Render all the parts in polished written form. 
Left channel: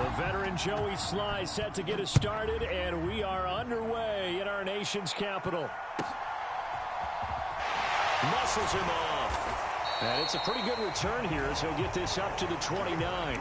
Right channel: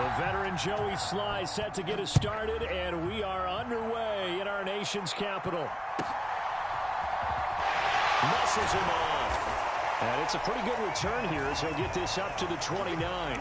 The veteran Joey Sly set to get us started, and we are underway in our nation's capital. Muscles him off. And it's a pretty good return here as he'll get this up to the 29.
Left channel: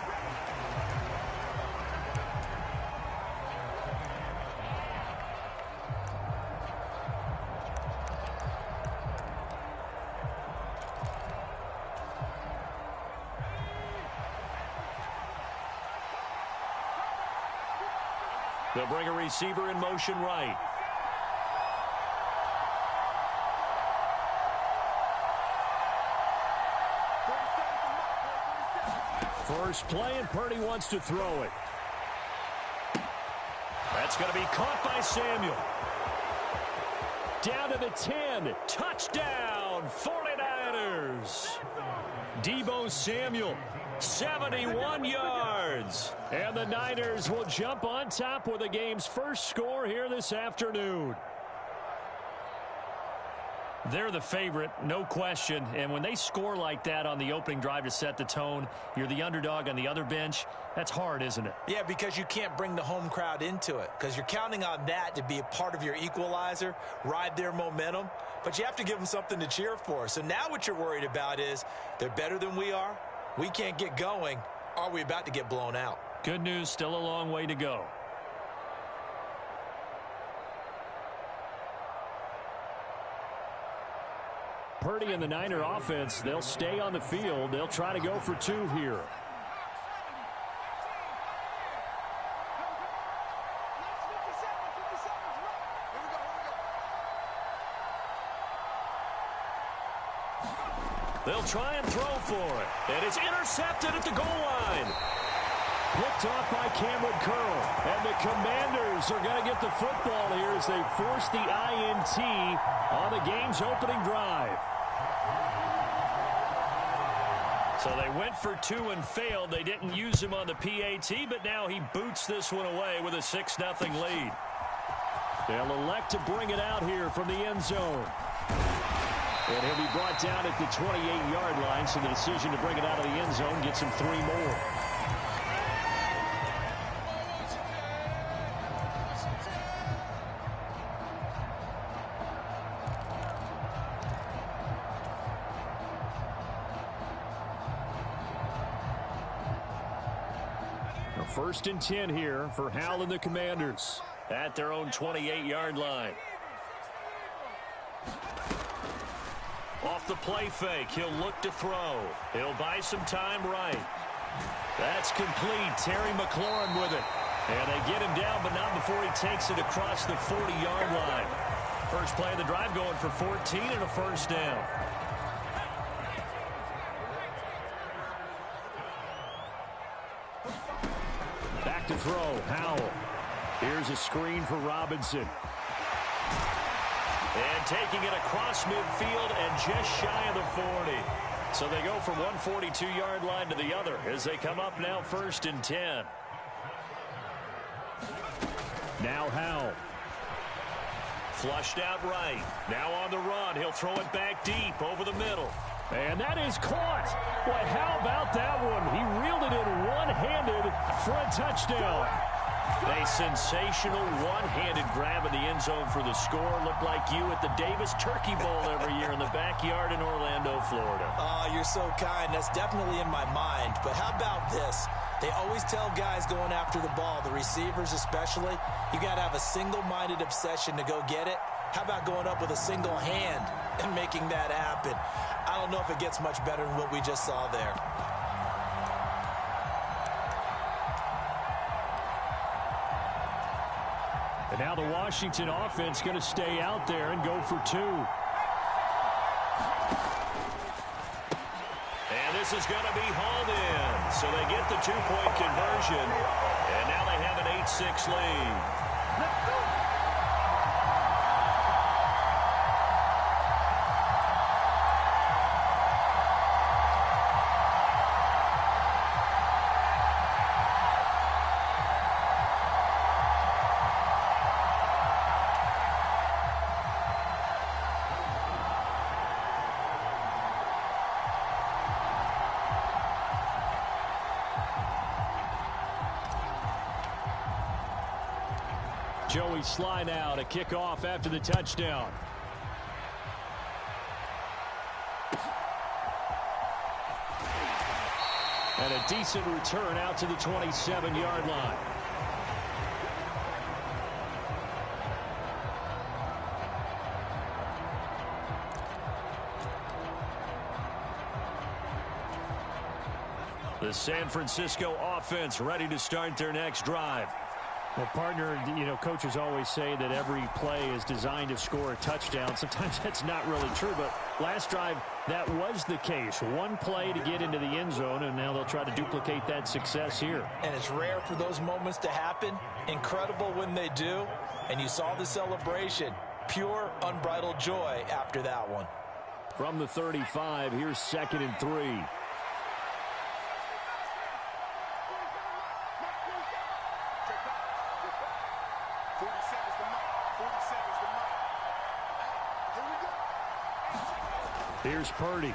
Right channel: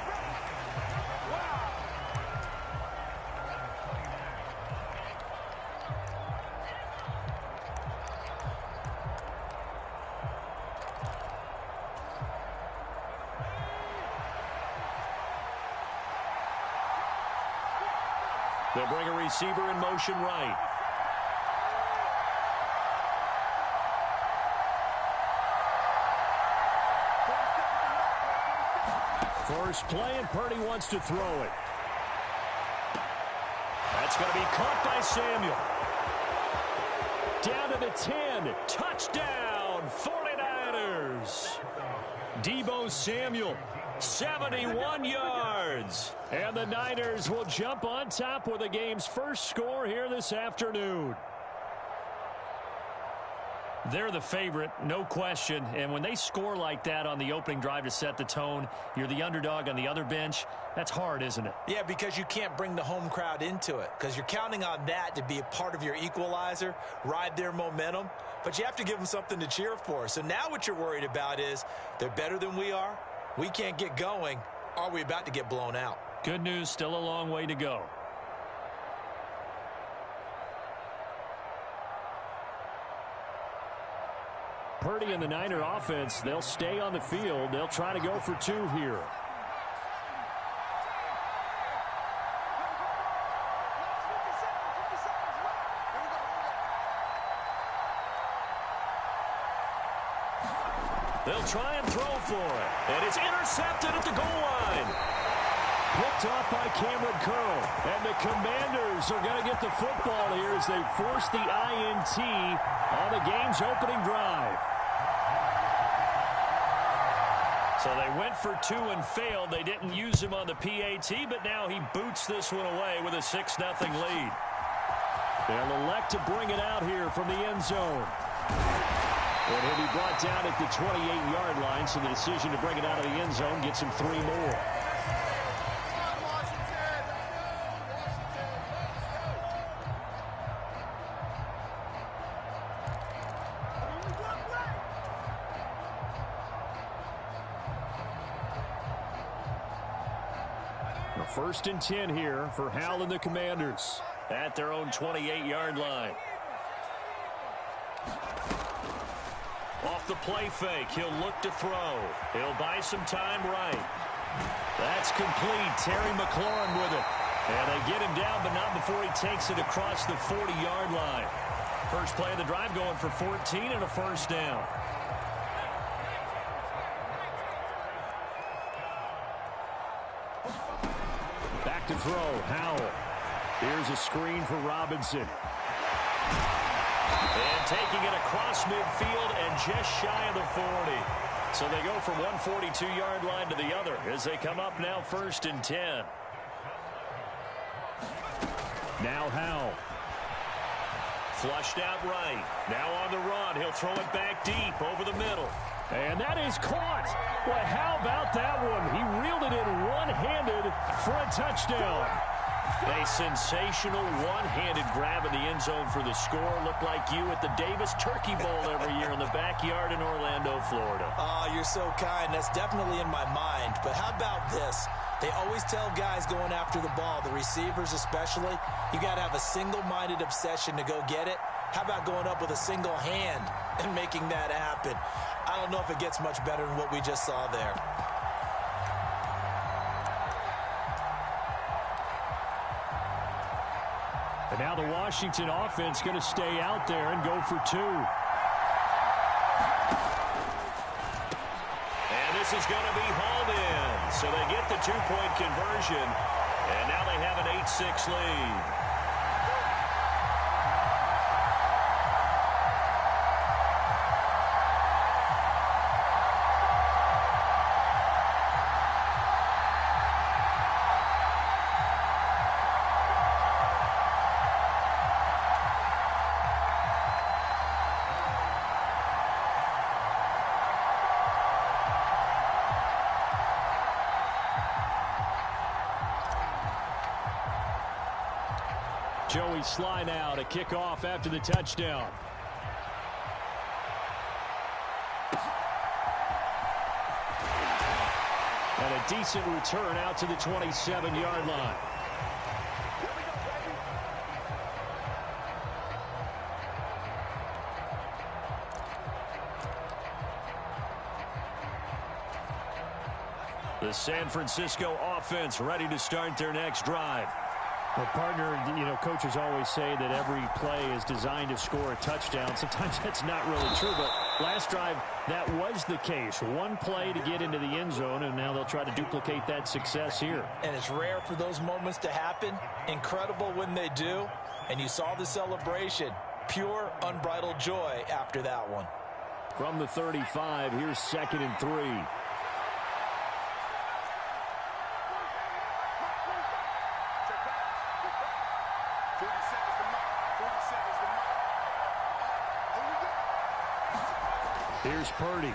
They'll bring a receiver in motion right. First play, and Purdy wants to throw it. That's going to be caught by Samuel. Down to the 10. Touchdown, 49ers. Deebo Samuel, 71 yards. And the Niners will jump on top with the game's first score here this afternoon. They're the favorite, no question. And when they score like that on the opening drive to set the tone, you're the underdog on the other bench. That's hard, isn't it? Yeah, because you can't bring the home crowd into it, because you're counting on that to be a part of your equalizer, ride their momentum. But you have to give them something to cheer for. So now what you're worried about is they're better than we are. We can't get going. Are we about to get blown out? Good news, still a long way to go. Purdy and the Niner offense, they'll stay on the field. They'll try to go for two here. They'll try and throw for it. And it's intercepted at the goal line. Picked off by Cameron Curl. And the Commanders are going to get the football here as they force the INT on the game's opening drive. So they went for two and failed. They didn't use him on the PAT, but now he boots this one away with a 6-0 lead. They'll elect to bring it out here from the end zone. And he'll be brought down at the 28-yard line, so the decision to bring it out of the end zone gets him 3 more. First and 10 here for Hal and the Commanders at their own 28-yard line. Off the play fake, he'll look to throw. He'll buy some time right. That's complete. Terry McLaurin with it. And they get him down, but not before he takes it across the 40-yard line. First play of the drive going for 14 and a first down. Back to throw, Howell. Here's a screen for Robinson. And taking it across midfield and just shy of the 40. So they go from one 42-yard line to the other as they come up now first and 10. Now Howell. Flushed out right. Now on the run. He'll throw it back deep over the middle. And that is caught. Boy, how about that one? He reeled it in one-handed for a touchdown. A sensational one-handed grab in the end zone for the score. Looked like you at the Davis Turkey Bowl every year in the backyard in Orlando, Florida. Oh, you're so kind. That's definitely in my mind. But how about this? They always tell guys going after the ball, the receivers especially, you got to have a single-minded obsession to go get it. How about going up with a single hand and making that happen? I don't know if it gets much better than what we just saw there. And now the Washington offense going to stay out there and go for two. And this is going to be hauled in. So they get the two-point conversion. And now they have an 8-6 lead. Joey Sly now to kick off after the touchdown. And a decent return out to the 27-yard line. The San Francisco offense ready to start their next drive. Well, partner, coaches always say that every play is designed to score a touchdown. Sometimes that's not really true, but last drive, that was the case. One play to get into the end zone, and now they'll try to duplicate that success here. And it's rare for those moments to happen. Incredible when they do. And you saw the celebration. Pure, unbridled joy after that one. From the 35, here's 2nd and 3. Here's Purdy.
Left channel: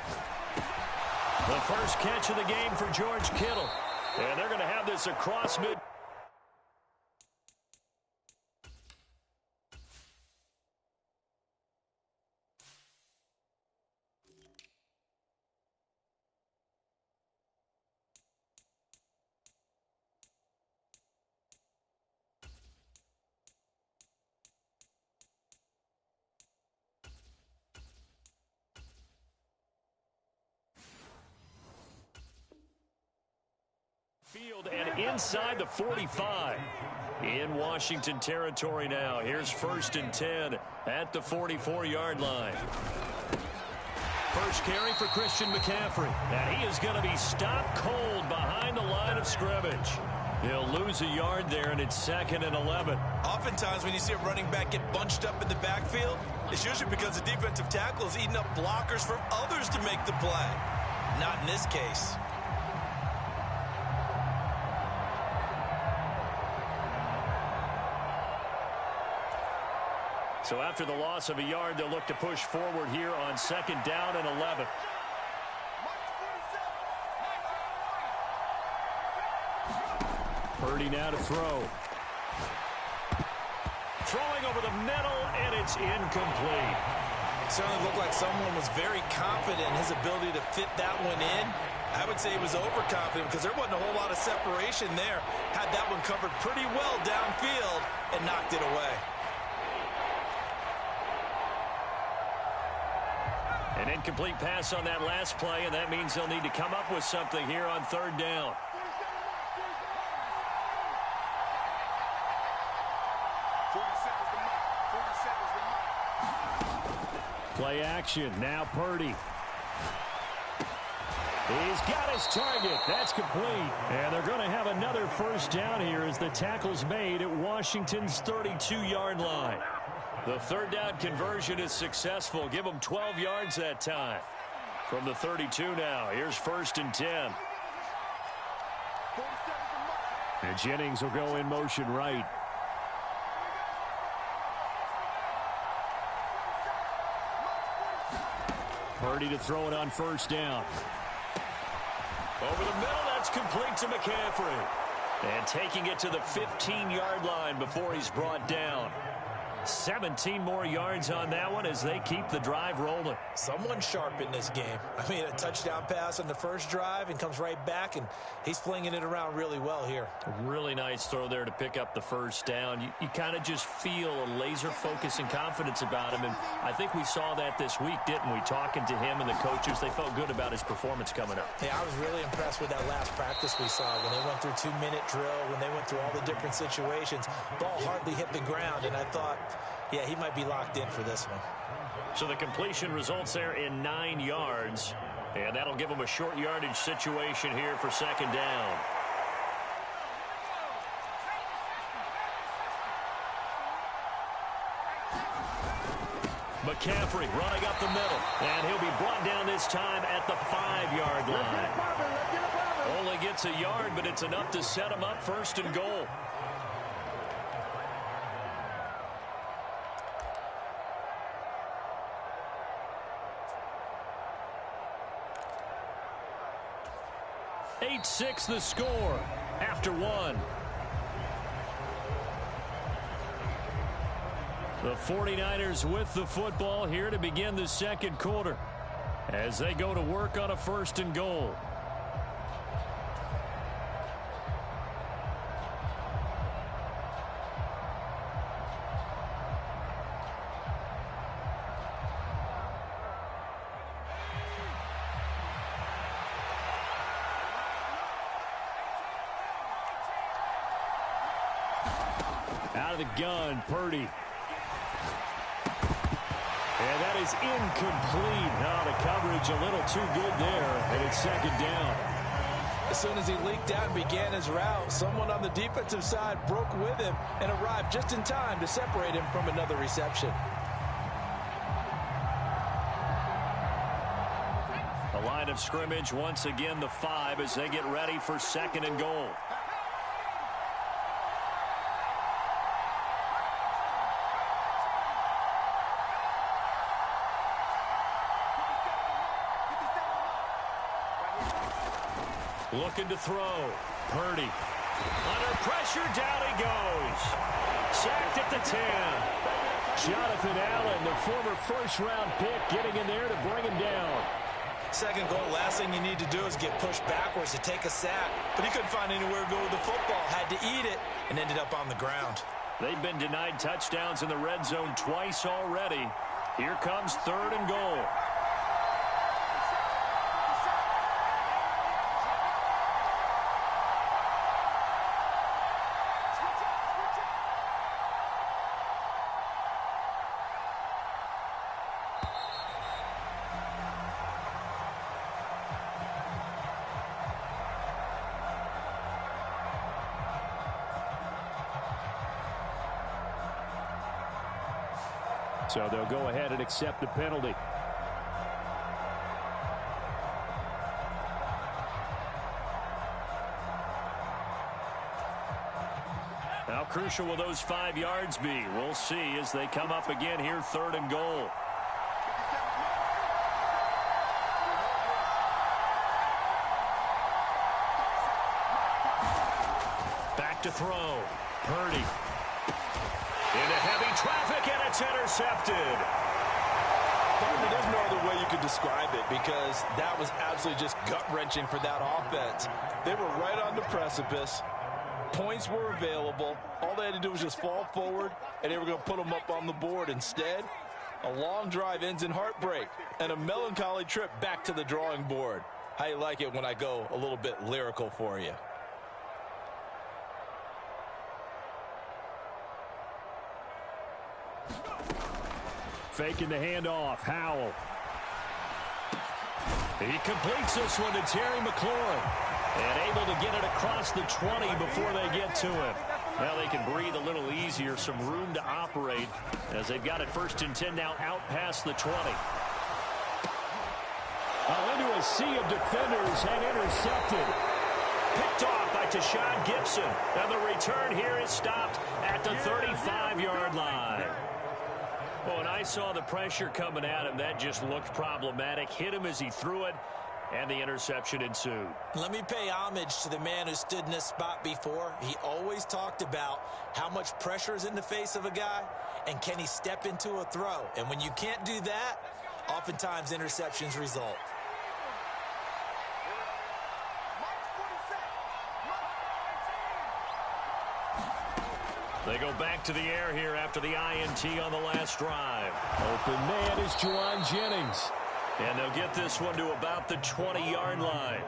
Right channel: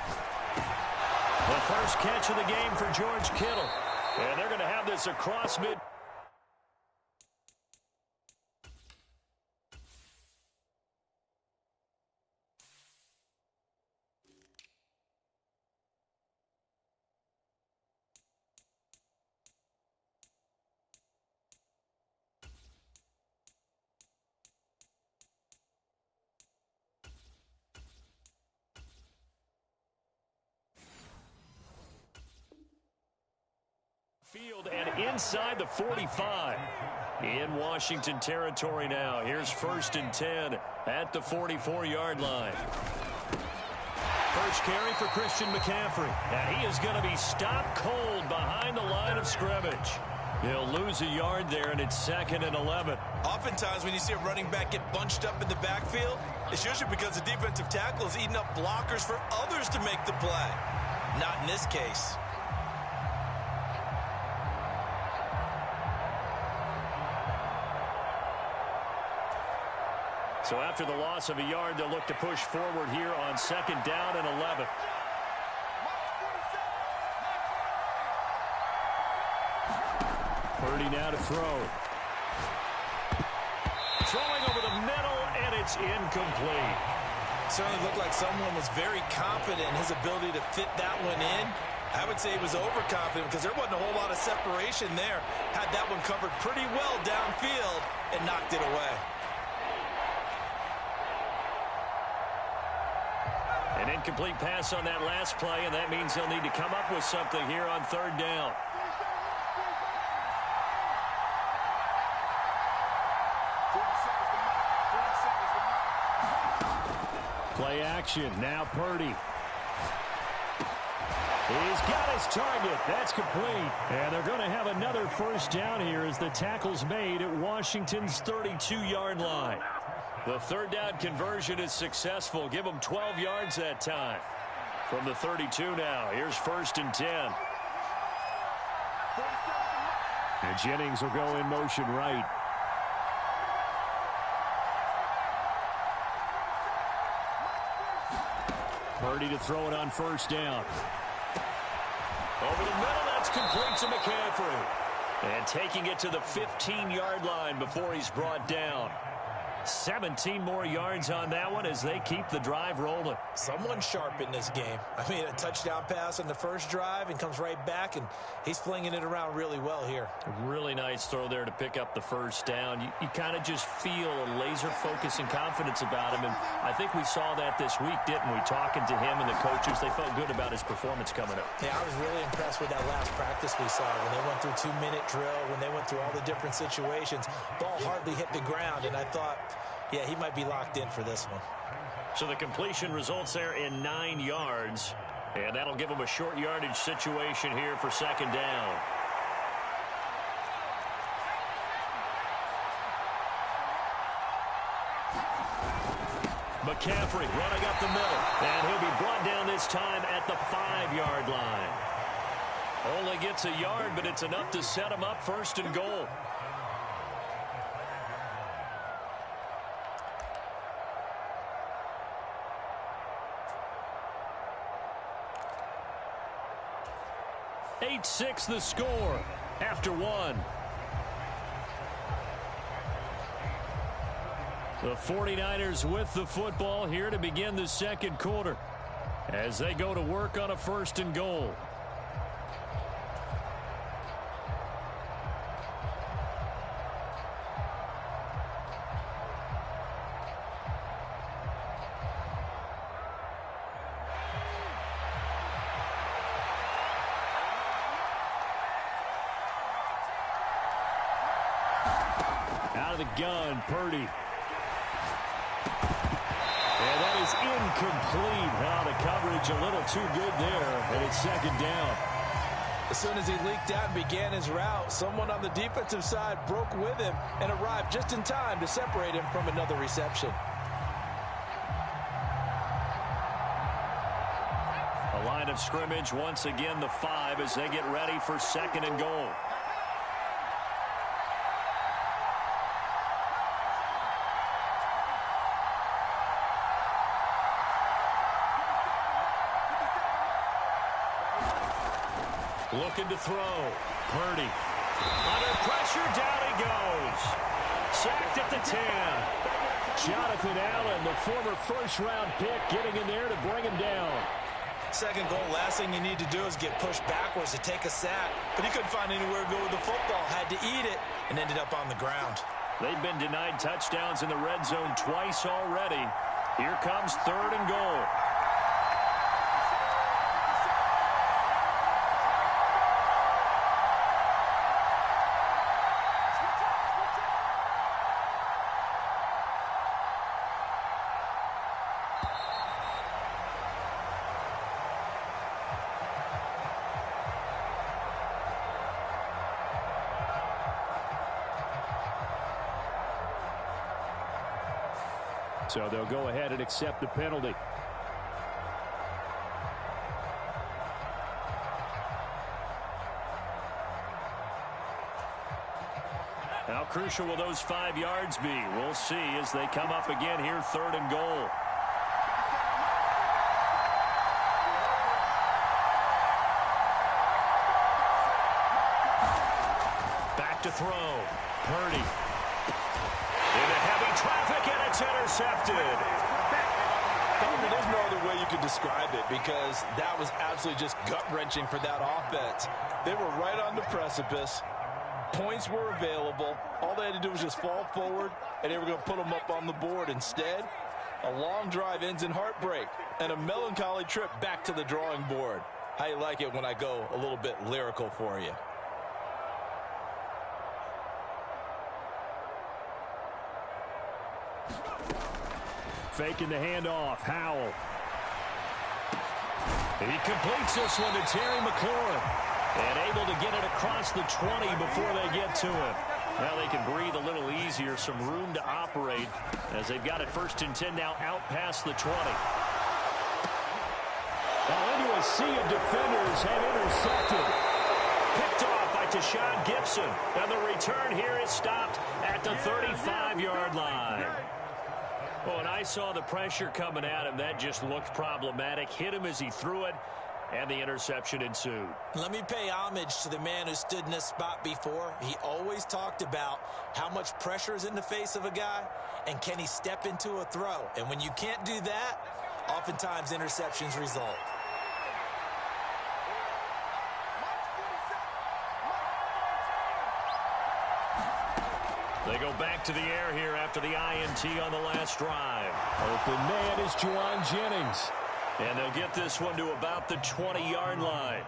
The first catch of the game for George Kittle. And they're going to have this across mid. Field and inside the 45. In Washington territory now. Here's 1st and 10 at the 44-yard line. First carry for Christian McCaffrey. And he is going to be stopped cold behind the line of scrimmage. He'll lose a yard there, and it's 2nd and 11. Oftentimes when you see a running back get bunched up in the backfield, it's usually because the defensive tackle is eating up blockers for others to make the play. Not in this case. So after the loss of a yard, they'll look to push forward here on 2nd down and 11. Purdy now to throw. Throwing over the middle, and it's incomplete. Certainly looked like someone was very confident in his ability to fit that one in. I would say he was overconfident because there wasn't a whole lot of separation there. Had that one covered pretty well downfield and knocked it away. An incomplete pass on that last play, and that means they'll need to come up with something here on 3rd down. Play action. Now Purdy. He's got his target. That's complete. And they're going to have another 1st down here as the tackle's made at Washington's 32-yard line. The 3rd down conversion is successful. Give them 12 yards that time. From the 32 now, here's 1st and 10. And Jennings will go in motion right. Purdy to throw it on 1st down. Over the middle, that's complete to McCaffrey. And taking it to the 15-yard line before he's brought down. 17 more yards on that one as they keep the drive rolling. Someone sharp in this game. I mean, a touchdown pass on the first drive and comes right back, and he's flinging it around really well here. A really nice throw there to pick up the 1st down. You kind of just feel a laser focus and confidence about him, and I think we saw that this week, didn't we? Talking to him and the coaches, they felt good about his performance coming up. Yeah, I was really impressed with that last practice we saw when they went through 2-minute drill, when they went through all the different situations. Ball hardly hit the ground, and I thought, yeah, he might be locked in for this one. So the completion results there in 9 yards, and that'll give them a short yardage situation here for 2nd down. McCaffrey running up the middle, and he'll be brought down this time at the 5-yard line. Only gets a yard, but it's enough to set him up 1st and goal. Six the score after 1. The 49ers with the football here to begin the second quarter as they go to work on a 1st and goal. Out of the gun, Purdy. And that is incomplete. Oh, the coverage a little too good there, and it's 2nd down. As soon as he leaked out and began his route, someone on the defensive side broke with him and arrived just in time to separate him from another reception. A line of scrimmage, once again the 5 as they get ready for 2nd and goal. Looking to throw. Purdy. Under pressure, down he goes. Sacked at the 10. Jonathan Allen, the former first-round pick, getting in there to bring him down. 2nd goal, last thing you need to do is get pushed backwards to take a sack. But he couldn't find anywhere to go with the football. Had to eat it and ended up on the ground. They've been denied touchdowns in the red zone twice already. Here comes 3rd and goal. So they'll go ahead and accept the penalty. How crucial will those 5 yards be? We'll see as they come up again here, 3rd and goal. Back to throw. Purdy. Into heavy traffic, and it's intercepted. There's no other way you could describe it because that was absolutely just gut-wrenching for that offense. They were right on the precipice. Points were available. All they had to do was just fall forward, and they were going to put them up on the board. Instead, a long drive ends in heartbreak and a melancholy trip back to the drawing board. How you like it when I go a little bit lyrical for you? Faking the handoff. Howell. He completes this one to Terry McLaurin. And able to get it across the 20 before they get to him. Now they can breathe a little easier. Some room to operate as they've got it 1st and 10 now out past the 20. Well, into a sea of defenders and intercepted. Picked off by Tashawn Gibson. And the return here is stopped at the 35-yard line. Well, when I saw the pressure coming at him, that just looked problematic. Hit him as he threw it, and the interception ensued. Let me pay homage to the man who stood in this spot before. He always talked about how much pressure is in the face of a guy, and can he step into a throw. And when you can't do that, oftentimes interceptions result. They go back to the air here after the INT on the last drive. Open man is Juwan Jennings. And they'll get this one to about the 20-yard line.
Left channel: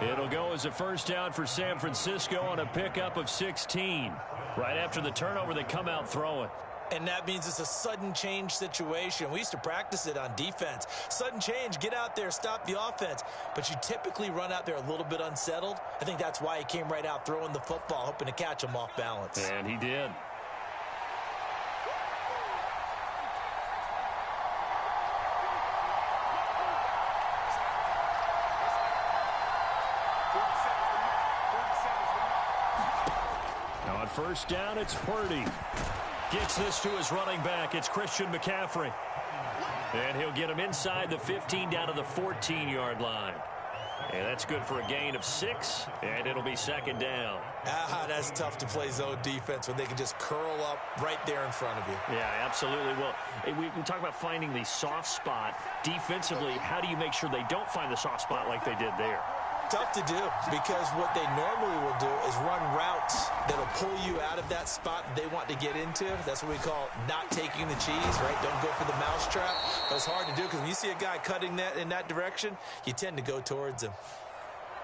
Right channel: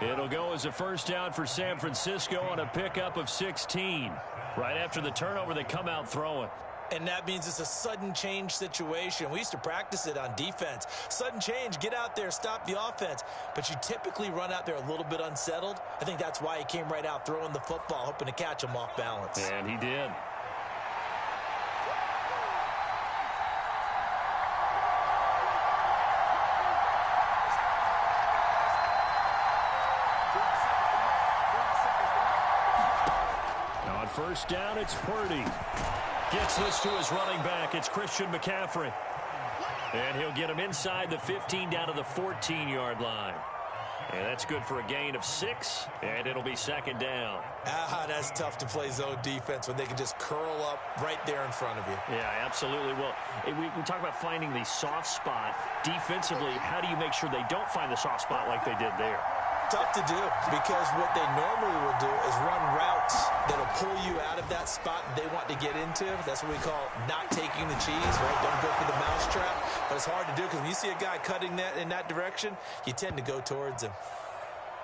It'll go as a 1st down for San Francisco on a pickup of 16. Right after the turnover, they come out throwing. And that means it's a sudden change situation. We used to practice it on defense. Sudden change, get out there, stop the offense. But you typically run out there a little bit unsettled. I think that's why he came right out throwing the football, hoping to catch him off balance. And he did. Now on 1st down, it's Purdy. Gets this to his running back. It's Christian McCaffrey. And he'll get him inside the 15 down to the 14-yard line. And that's good for a gain of 6, and it'll be second down. That's tough to play zone defense when they can just curl up right there in front of you. Yeah, absolutely. Well, we talk about finding the soft spot. Defensively, how do you make sure they don't find the soft spot like they did there? Tough to do, because what they normally will do is run routes that'll pull you out of that spot they want to get into. That's what we call not taking the cheese, right? Don't go for the mousetrap. But it's hard to do because when you see a guy cutting that in that direction, you tend to go towards him.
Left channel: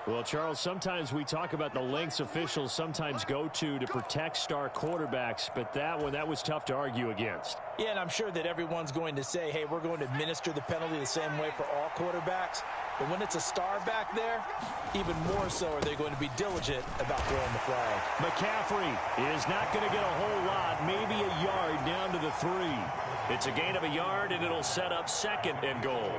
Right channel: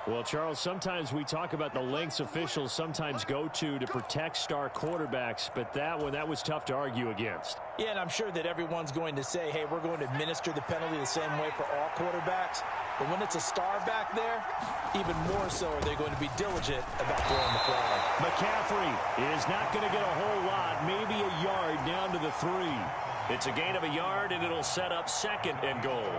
Well, Charles, sometimes we talk about the lengths officials sometimes go to protect star quarterbacks, but that was tough to argue against. Yeah, and I'm sure that everyone's going to say, hey, we're going to administer the penalty the same way for all quarterbacks. But when it's a star back there, even more so are they going to be diligent about throwing the flag. McCaffrey is not going to get a whole lot, maybe a yard down to the 3. It's a gain of a yard, and it'll set up 2nd and goal.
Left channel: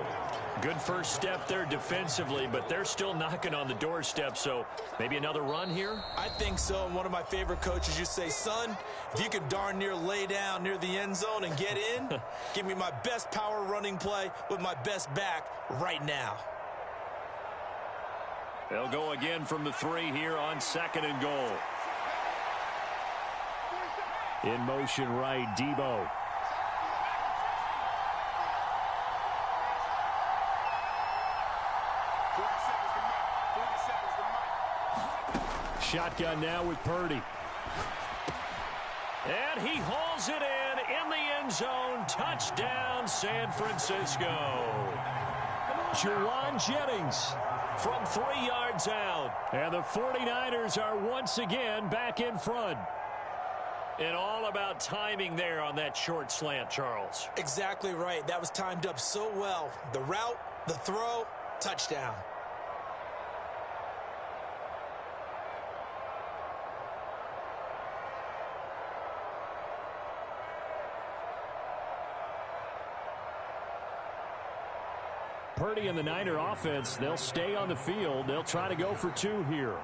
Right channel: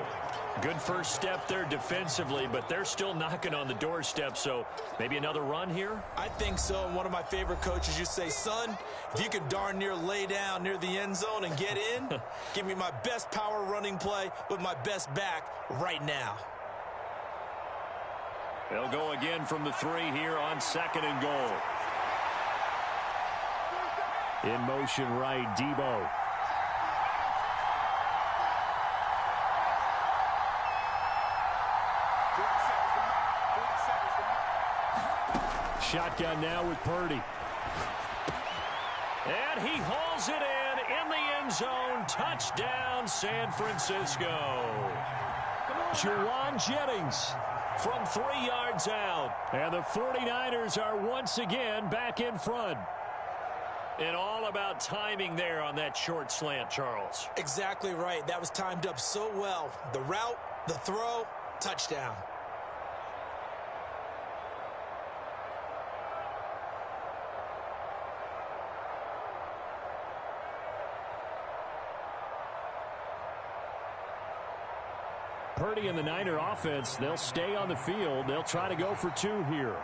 Good first step there defensively, but they're still knocking on the doorstep, so maybe another run here? I think so, and one of my favorite coaches used to say, son, if you can darn near lay down near the end zone and get in, give me my best power running play with my best back right now. They'll go again from the 3 here on 2nd and goal. In motion right, Debo. Shotgun now with Purdy. And he hauls it in the end zone. Touchdown, San Francisco. Juwan Jennings from 3 yards out. And the 49ers are once again back in front. And all about timing there on that short slant, Charles. Exactly right. That was timed up so well. The route, the throw, touchdown. Purdy and the Niner offense, they'll stay on the field. They'll try to go for 2 here.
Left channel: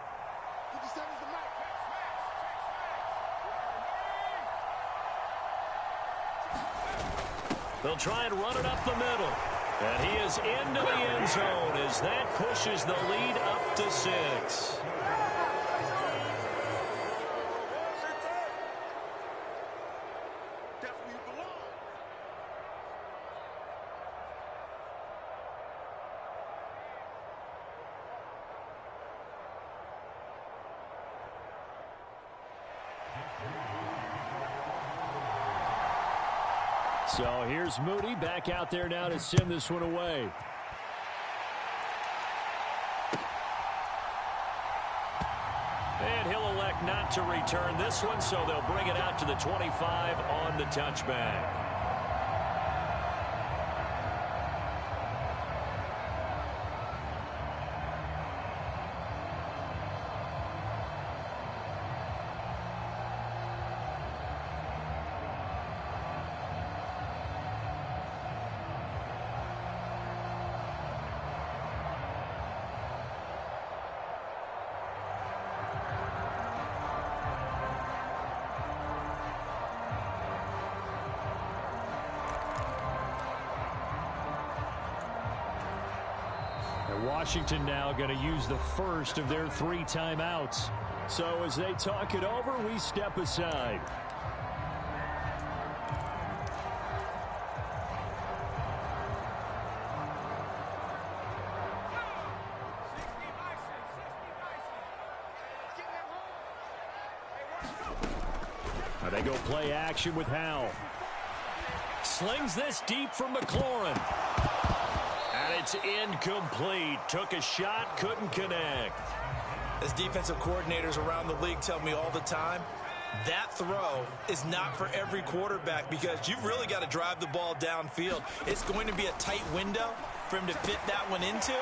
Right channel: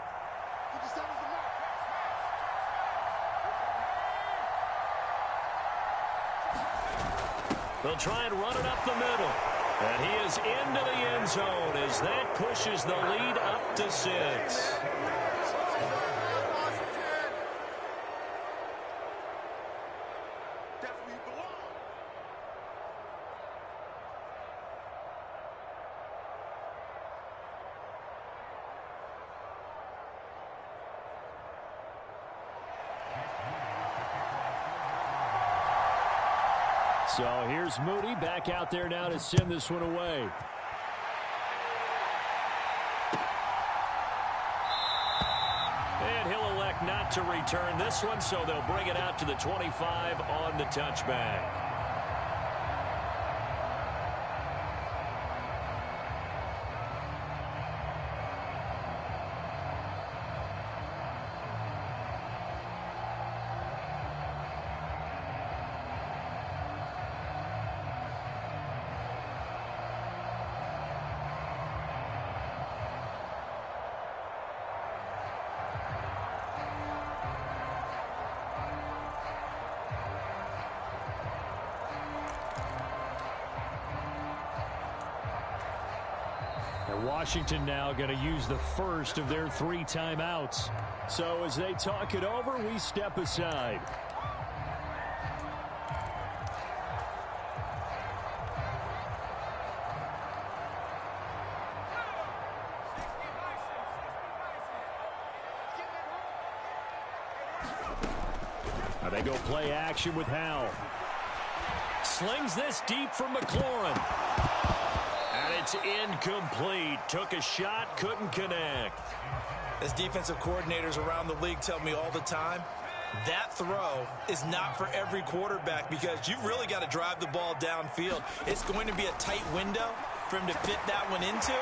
They'll try and run it up the middle. And he is into the end zone as that pushes the lead up to 6. So here's Moody back out there now to send this one away. And he'll elect not to return this one, so they'll bring it out to the 25 on the touchback. And Washington now going to use the first of their 3 timeouts. So as they talk it over, we step aside. Now they go play action with Howell. Slings this deep for McLaurin. And it's incomplete. Took a shot, couldn't connect. As defensive coordinators around the league tell me all the time, that throw is not for every quarterback because you've really got to drive the ball downfield. It's going to be a tight window for him to fit that one into.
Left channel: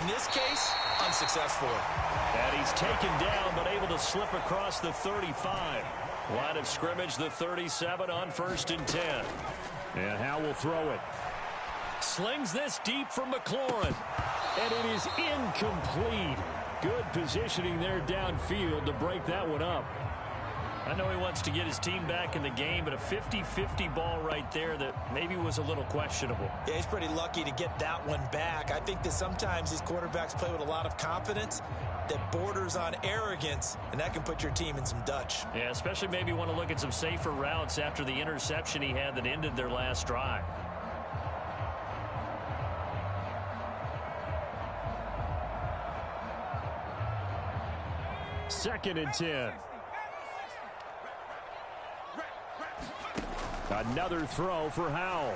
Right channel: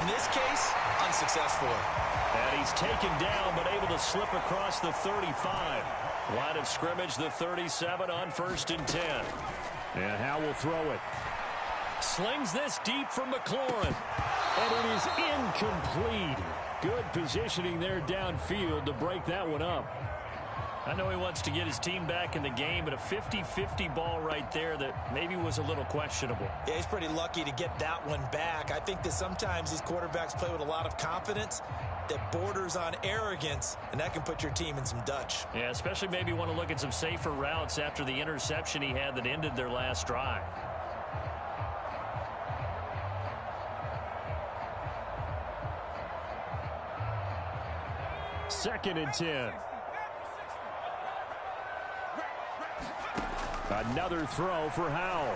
In this case, unsuccessfully. And he's taken down but able to slip across the 35. Line of scrimmage, the 37 on 1st and 10. And Howell will throw it. Slings this deep for McLaurin. And it is incomplete. Good positioning there downfield to break that one up. I know he wants to get his team back in the game, but a 50-50 ball right there that maybe was a little questionable. Yeah, he's pretty lucky to get that one back. I think that sometimes these quarterbacks play with a lot of confidence that borders on arrogance, and that can put your team in some Dutch. Yeah, especially maybe want to look at some safer routes after the interception he had that ended their last drive. Second and 10. Another throw for Howell.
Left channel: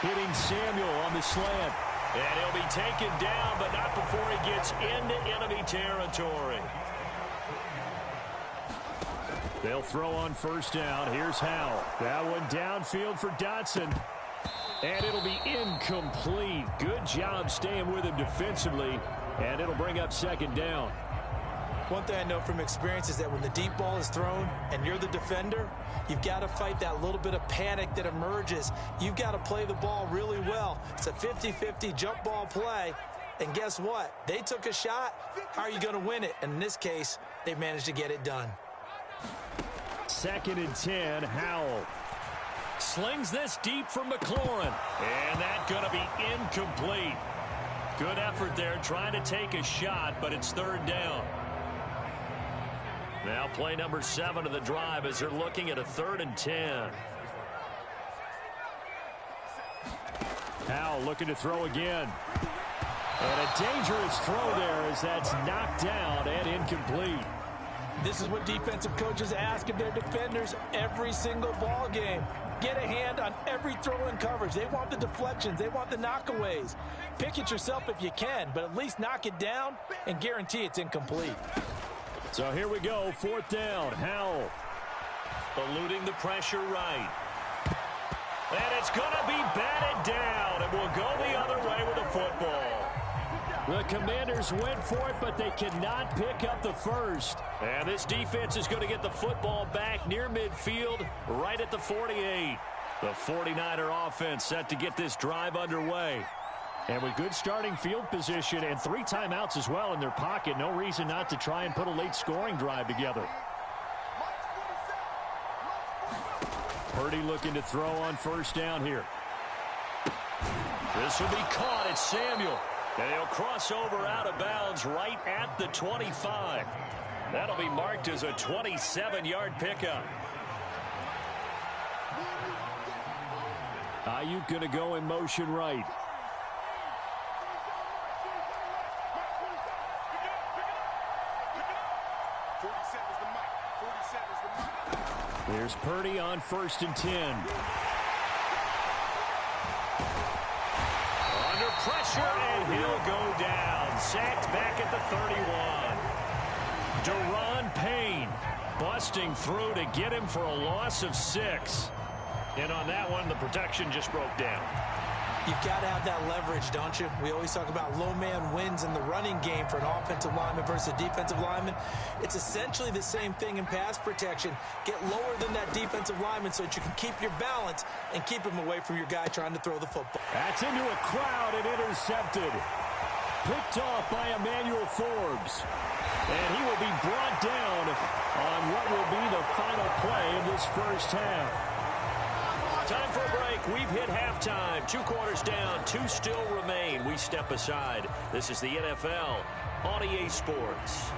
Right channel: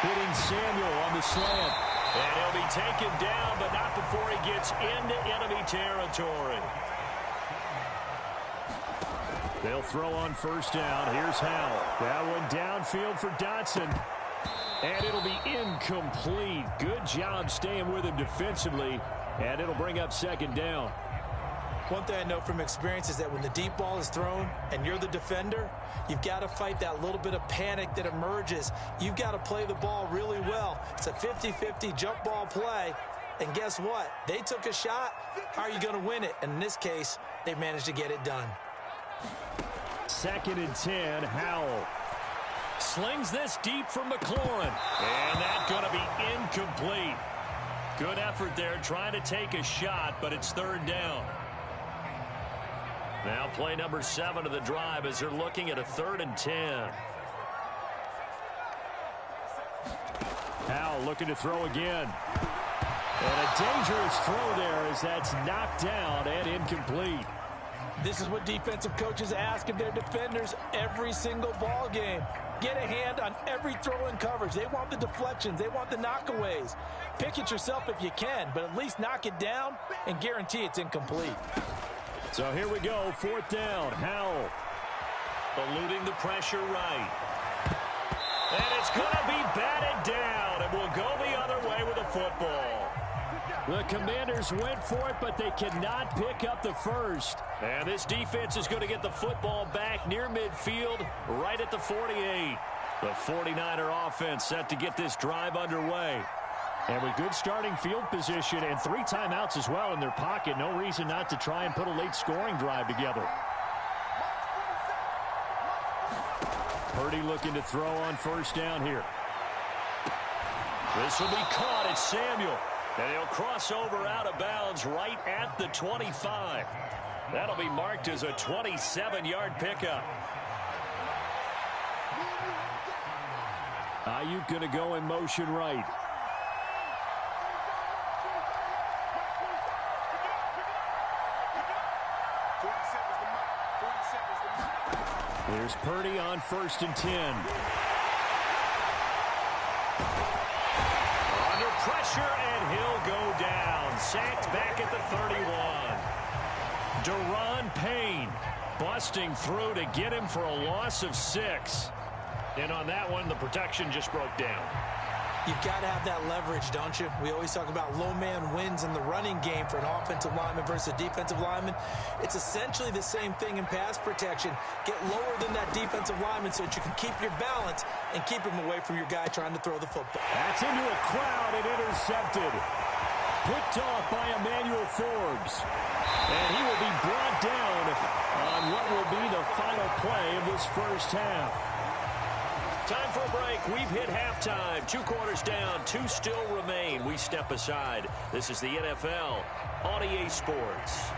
Hitting Samuel on the slant. And he'll be taken down, but not before he gets into enemy territory. They'll throw on first down. Here's Howell. That one downfield for Dotson. And it'll be incomplete. Good job staying with him defensively. And it'll bring up second down. One thing I know from experience is that when the deep ball is thrown and you're the defender, you've got to fight that little bit of panic that emerges. You've got to play the ball really well. It's a 50-50 jump ball play. And guess what? They took a shot. How are you going to win it? And in this case, they managed to get it done. Second and 10, Howell. Slings this deep for McLaurin. And that's going to be incomplete. Good effort there trying to take a shot, but it's third down. Now play number 7 of the drive as they're looking at a 3rd and 10. Howell looking to throw again. And a dangerous throw there as that's knocked down and incomplete. This is what defensive coaches ask of their defenders every single ball game. Get a hand on every throw in coverage. They want the deflections. They want the knockaways. Pick it yourself if you can, but at least knock it down and guarantee it's incomplete. So here we go, 4th down. Howell eluding the pressure right. And it's going to be batted down, and we'll go the other way with the football. The Commanders went for it, but they cannot pick up the first. And this defense is going to get the football back near midfield, right at the 48. The 49er offense set to get this drive underway. And with good starting field position and 3 timeouts as well in their pocket, no reason not to try and put a late scoring drive together. Purdy looking to throw on first down here. This will be caught. It's Samuel. And he'll cross over out of bounds right at the 25. That'll be marked as a 27-yard pickup. Ayuk going to go in motion right. Here's Purdy on 1st and 10. Under pressure, and he'll go down. Sacked back at the 31. Daron Payne busting through to get him for a loss of 6. And on that one, the protection just broke down. You've got to have that leverage, don't you? We always talk about low man wins in the running game for an offensive lineman versus a defensive lineman. It's essentially the same thing in pass protection. Get lower than that defensive lineman so that you can keep your balance and keep him away from your guy trying to throw the football. That's into a crowd and intercepted. Picked off by Emmanuel Forbes. And he will be brought down on what will be the final play of this first half. Time for a break. We've hit halftime. 2 quarters down. 2 still remain. We step aside. This is the NFL on EA Sports.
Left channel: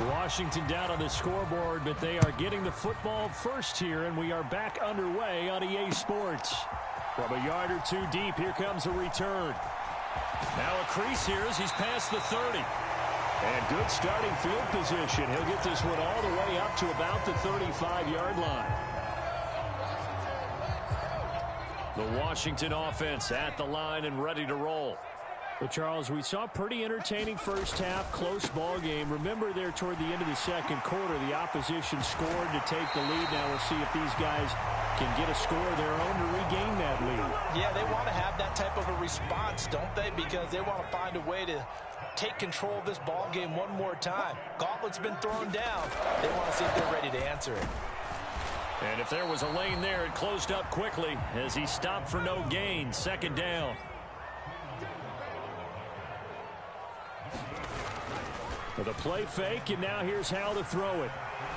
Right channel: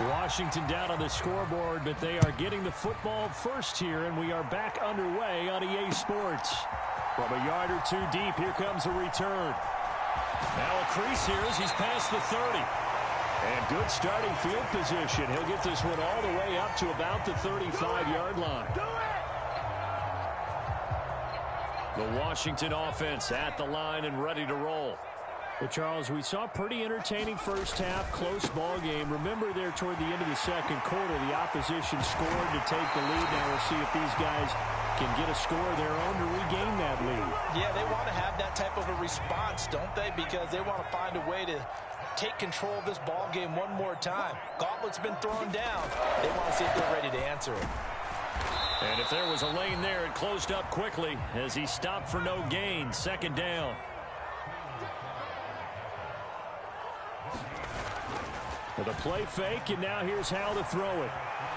Washington down on the scoreboard, but they are getting the football first here, and we are back underway on EA Sports. From a yard or 2 deep, here comes a return. Now a crease here as he's past the 30. And good starting field position. He'll get this one all the way up to about the 35-yard line. The Washington offense at the line and ready to roll. Well, Charles, we saw a pretty entertaining first half, close ball game. Remember there toward the end of the second quarter, the opposition scored to take the lead. Now we'll see if these guys can get a score of their own to regain that lead. Yeah, they want to have that type of a response, don't they? Because they want to find a way to take control of this ball game one more time. Gauntlet's been thrown down. They want to see if they're ready to answer it. And if there was a lane there, it closed up quickly as he stopped for no gain. 2nd down. With a play fake, and now here's how to throw it.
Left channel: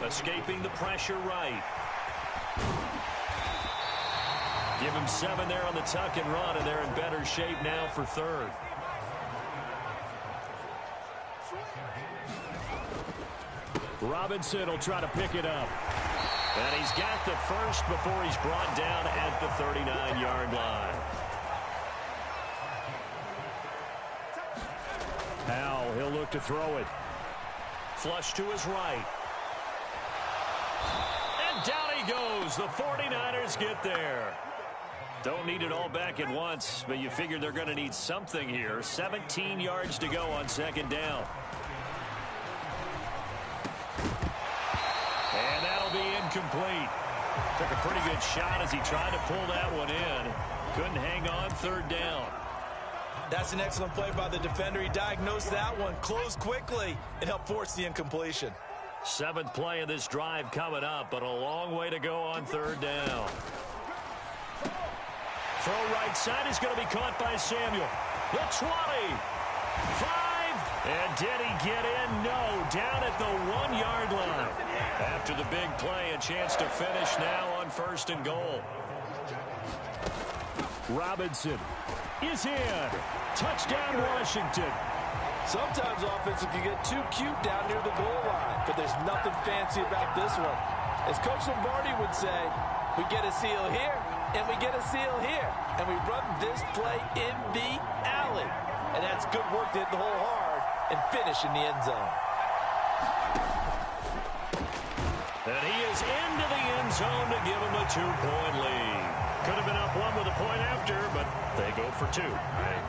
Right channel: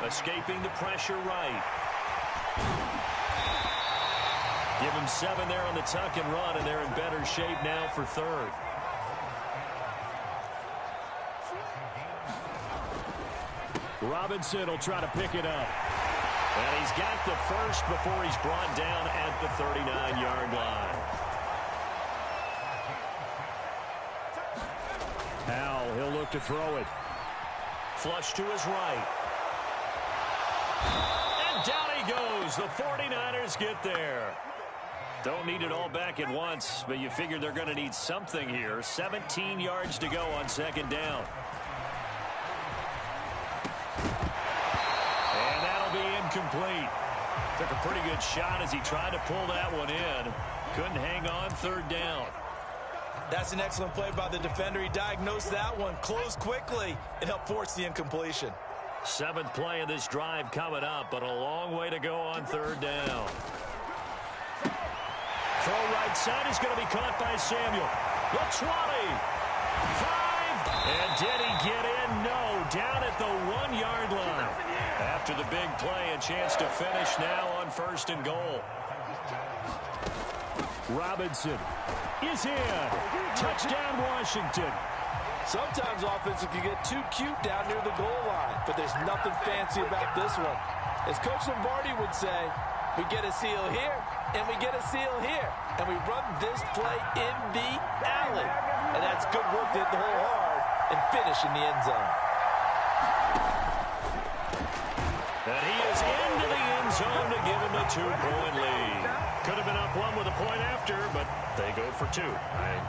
Escaping the pressure right. Give him 7 there on the tuck and run, and they're in better shape now for third. Robinson will try to pick it up. And he's got the first before he's brought down at the 39-yard line. Now he'll look to throw it. Flush to his right. And down he goes. The 49ers get there. Don't need it all back at once, but you figure they're going to need something here. 17 yards to go on second down. And that'll be incomplete. Took a pretty good shot as he tried to pull that one in. Couldn't hang on third down. That's an excellent play by the defender. He diagnosed that one, closed quickly, and helped force the incompletion. 7th play of this drive coming up, but a long way to go on third down. Throw right side is going to be caught by Samuel. The 20. 5. And did he get in? No. Down at the 1-yard line. After the big play, a chance to finish now on 1st and goal. Robinson is in. Touchdown, Washington. Sometimes offensive can get too cute down near the goal line, but there's nothing fancy about this one. As Coach Lombardi would say, we get a seal here, and we get a seal here, and we run this play in the alley. And that's good work to hit the hole hard and finish in the end zone. And he is into the end zone to give him a 2-point lead. Could have been up 1 with a point after, but they go for 2.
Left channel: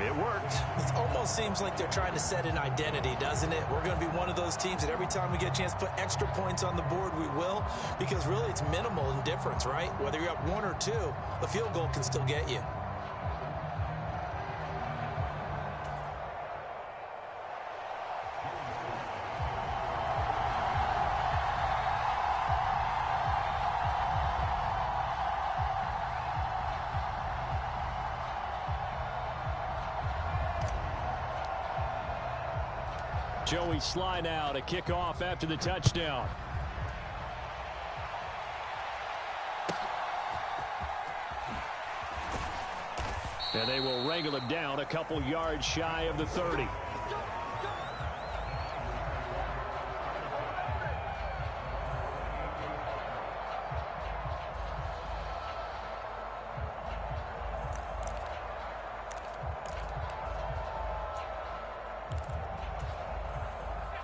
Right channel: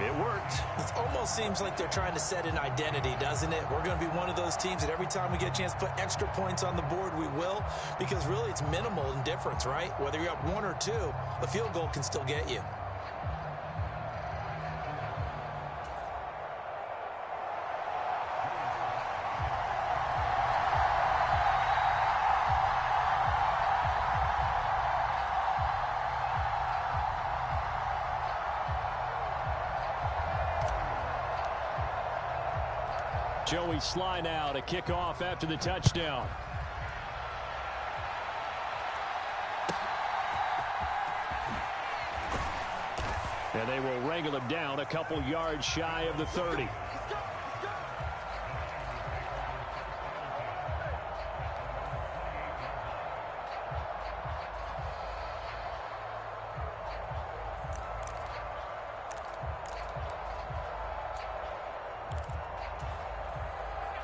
It worked. It almost seems like they're trying to set an identity, doesn't it? We're going to be one of those teams that every time we get a chance to put extra points on the board, we will, because really it's minimal in difference, right? Whether you're up 1 or 2, a field goal can still get you. Joey Sly now to kick off after the touchdown. And they will wrangle him down a couple yards shy of the 30.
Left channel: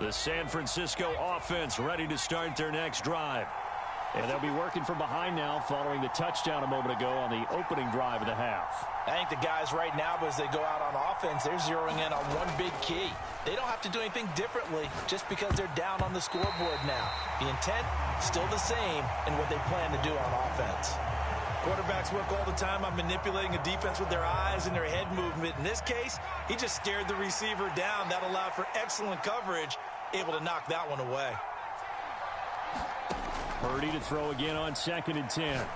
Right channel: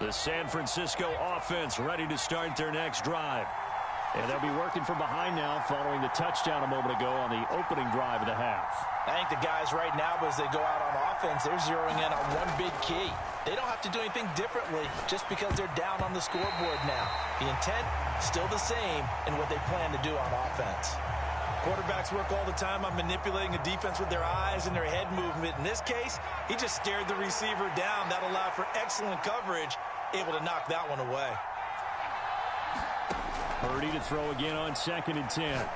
The San Francisco offense ready to start their next drive. And they'll be working from behind now following the touchdown a moment ago on the opening drive of the half. I think the guys right now, as they go out on offense, they're zeroing in on one big key. They don't have to do anything differently just because they're down on the scoreboard now. The intent, still the same in what they plan to do on offense. Quarterbacks work all the time on manipulating a defense with their eyes and their head movement. In this case, he just stared the receiver down. That allowed for excellent coverage, able to knock that one away. Purdy to throw again on 2nd and 10.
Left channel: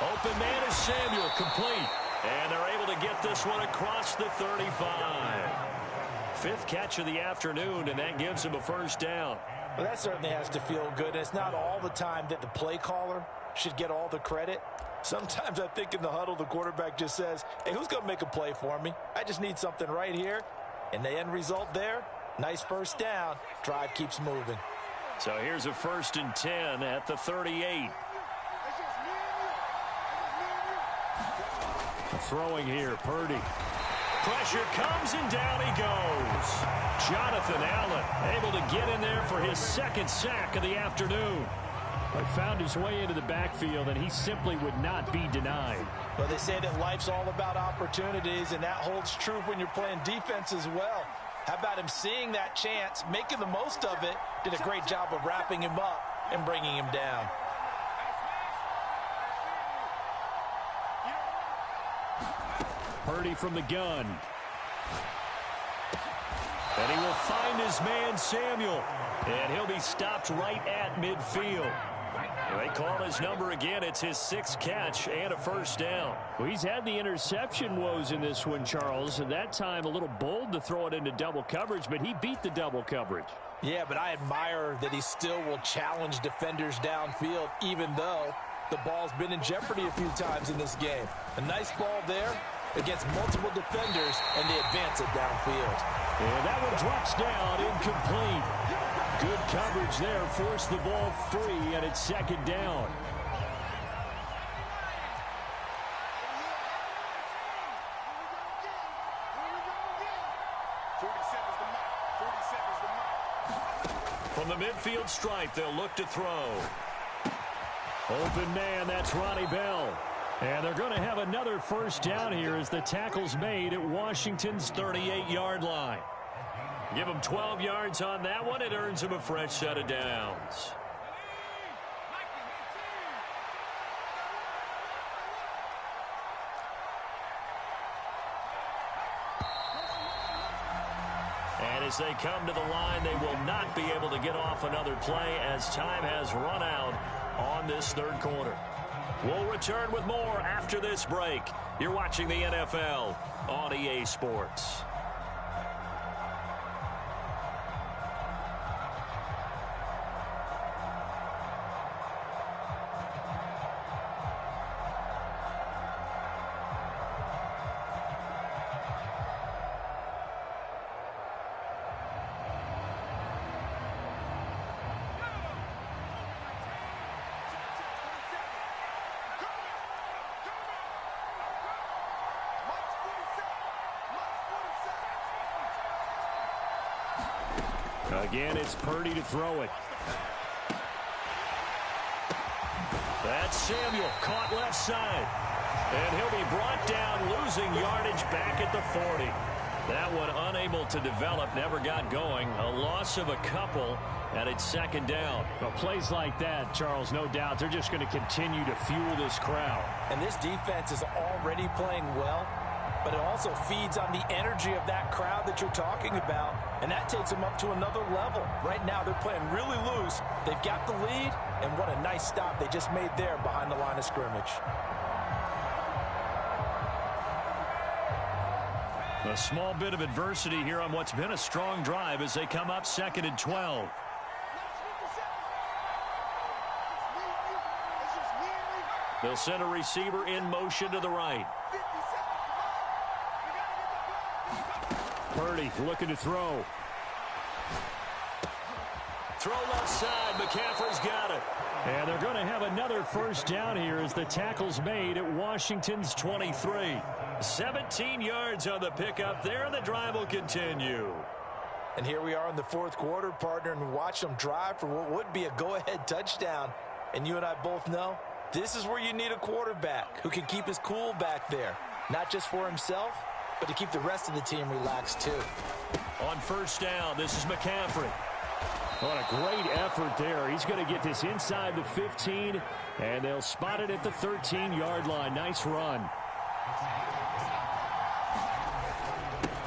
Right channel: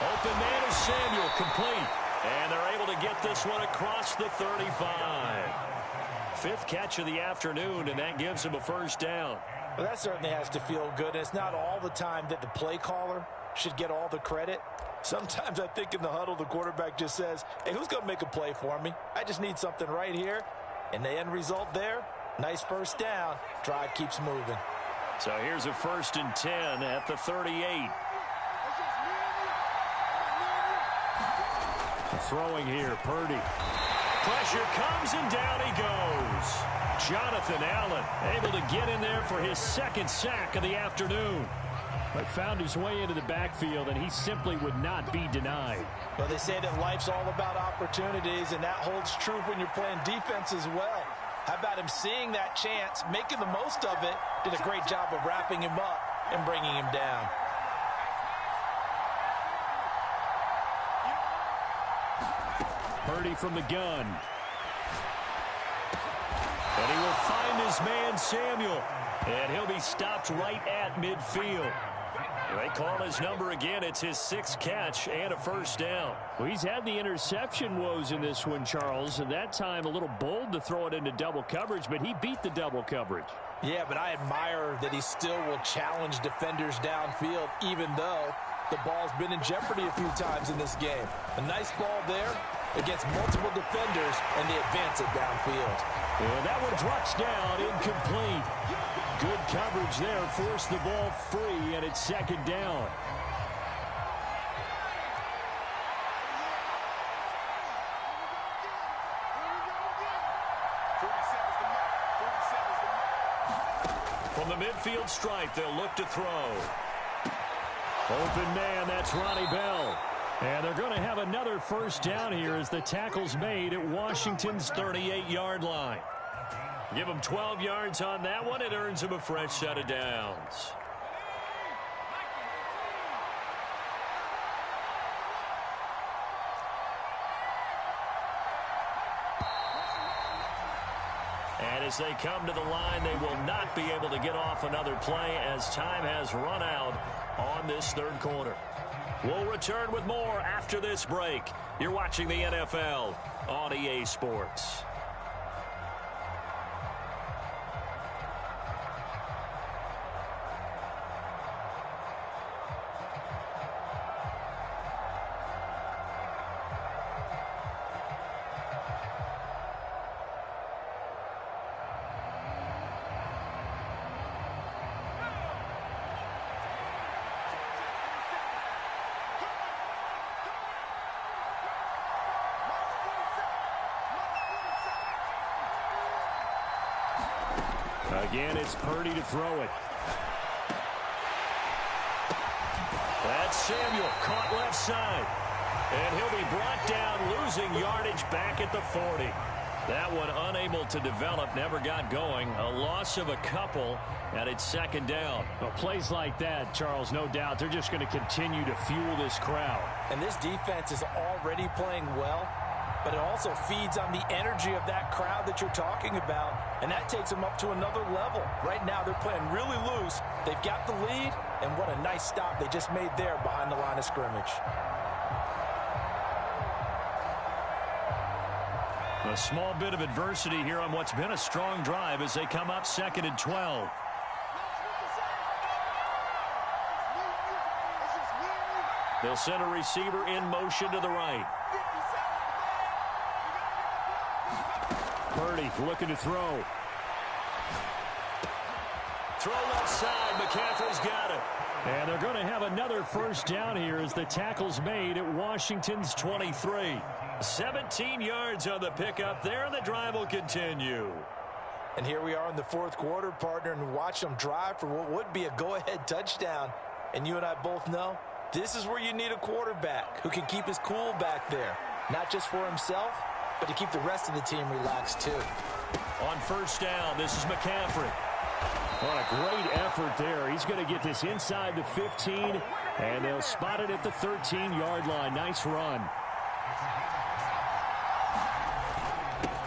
Open man is Samuel, complete. And they're able to get this one across the 35. 5th catch of the afternoon, and that gives him a first down. Well, that certainly has to feel good. It's not all the time that the play caller should get all the credit. Sometimes I think in the huddle, the quarterback just says, hey, who's going to make a play for me? I just need something right here. And the end result there, nice first down. Drive keeps moving. So here's a 1st and 10 at the 38. Throwing here, Purdy. Pressure comes and down he goes. Jonathan Allen able to get in there for his 2nd sack of the afternoon. But found his way into the backfield, and he simply would not be denied. Well, they say that life's all about opportunities, and that holds true when you're playing defense as well. How about him seeing that chance, making the most of it, did a great job of wrapping him up and bringing him down. Purdy from the gun. And he will find his man, Samuel. And he'll be stopped right at midfield. They call his number again. It's his 6th catch and a first down. Well, he's had the interception woes in this one, Charles. At that time, a little bold to throw it into double coverage, but he beat the double coverage. Yeah, but I admire that he still will challenge defenders downfield, even though the ball's been in jeopardy a few times in this game. A nice ball there against multiple defenders, and they advance it downfield. And that one drops down, incomplete. Good coverage there, forced the ball free, and it's 2nd down. From the midfield stripe, they'll look to throw. Open man, that's Ronnie Bell. And they're going to have another first down here as the tackle's made at Washington's 38-yard line. Give him 12 yards on that one. It earns him a fresh set of downs. And as they come to the line, they will not be able to get off another play as time has run out on this 3rd quarter. We'll return with more after this break. You're watching the NFL on EA Sports. Again, it's Purdy to throw it. That's Samuel, caught left side. And he'll be brought down, losing yardage back at the 40. That one unable to develop, never got going. A loss of a couple, and it's 2nd down. Well, plays like that, Charles, no doubt, they're just going to continue to fuel this crowd. And this defense is already playing well, but it also feeds on the energy of that crowd that you're talking about, and that takes them up to another level. Right now, they're playing really loose. They've got the lead, and what a nice stop they just made there behind the line of scrimmage. A small bit of adversity here on what's been a strong drive as they come up 2nd and 12. They'll send a receiver in motion to the right. Purdy looking to throw. Throw left side. McCaffrey's got it. And they're going to have another first down here as the tackle's made at Washington's 23. 17 yards on the pickup there, and the drive will continue. And here we are in the 4th quarter, partner, and watch them drive for what would be a go-ahead touchdown. And you and I both know this is where you need a quarterback who can keep his cool back there, not just for himself, but to keep the rest of the team relaxed too. On first down, this is McCaffrey. What a great effort there. He's going to get this inside the 15, and they'll spot it at the 13-yard line. Nice run.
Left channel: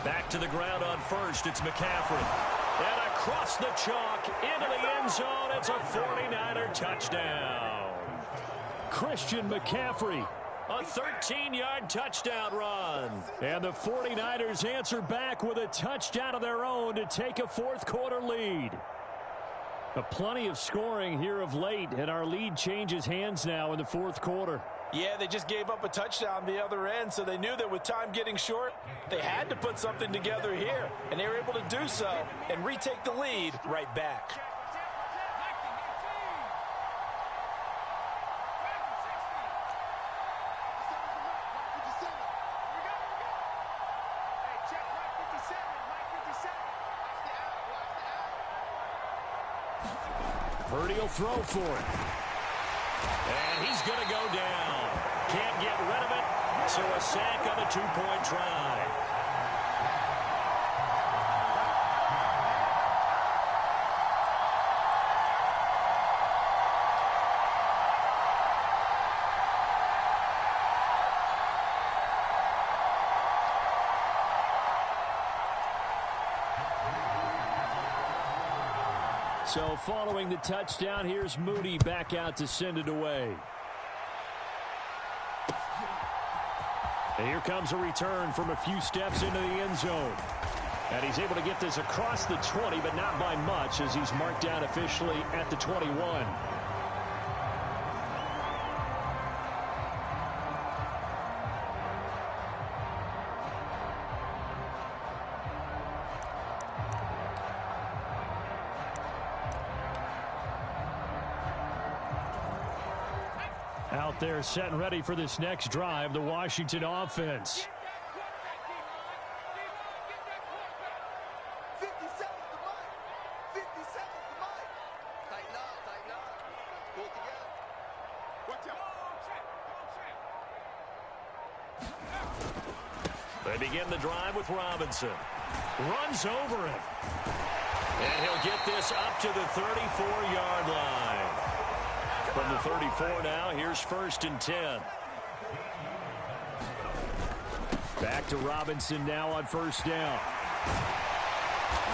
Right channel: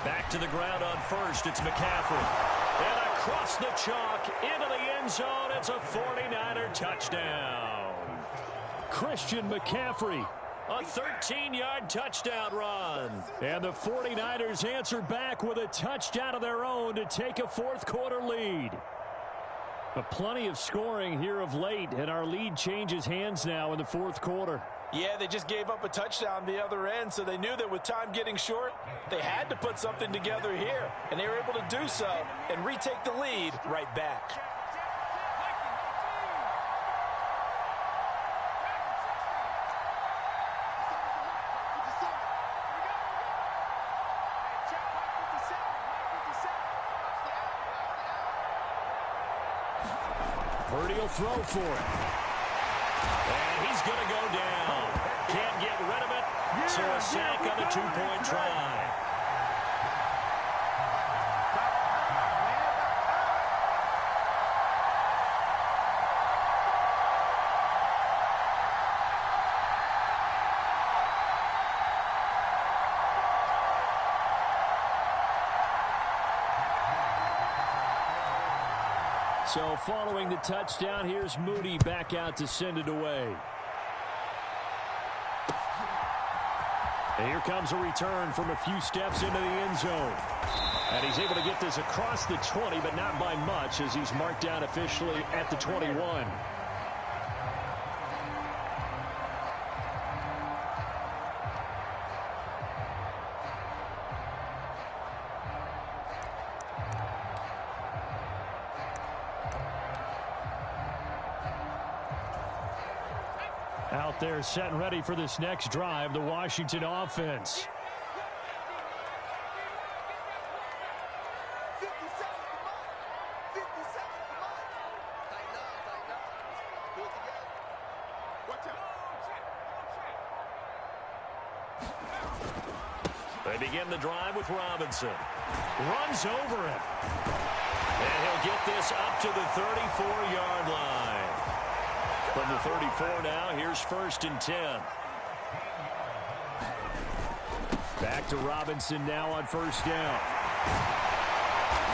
Back to the ground on first. It's McCaffrey. And across the chalk into the end zone. It's a 49er touchdown. Christian McCaffrey. A 13-yard touchdown run. And the 49ers answer back with a touchdown of their own to take a 4th quarter lead. But plenty of scoring here of late, and our lead changes hands now in the 4th quarter. Yeah, they just gave up a touchdown the other end, so they knew that with time getting short, they had to put something together here, and they were able to do so and retake the lead right back. Purdy will throw for it. And he's going to go down. Can't get rid of it, so a sack on the 2-point try. So following the touchdown, here's Moody back out to send it away. And here comes a return from a few steps into the end zone. And he's able to get this across the 20, but not by much, as he's marked down officially at the 21. Out there set and ready for this next drive, the Washington offense. They begin the drive with Robinson. Runs over him. And he'll get this up to the 34-yard line. From the 34 now, here's 1st and 10. Back to Robinson now on 1st down.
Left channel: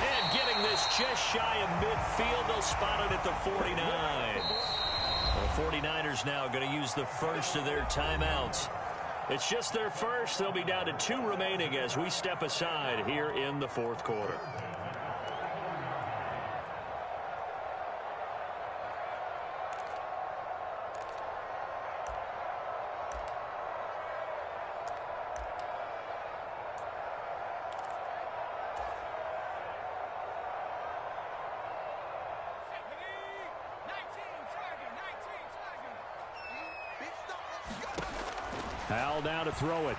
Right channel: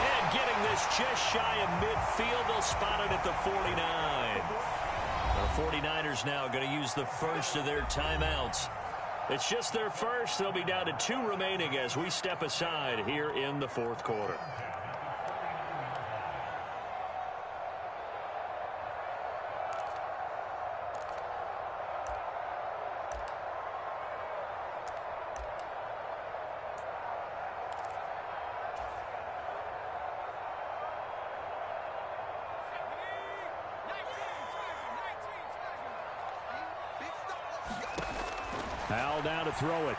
And getting this just shy of midfield, they'll spot it at the 49. The 49ers now going to use the first of their timeouts. It's just their first. They'll be down to 2 remaining as we step aside here in the 4th quarter. Howell down to throw it.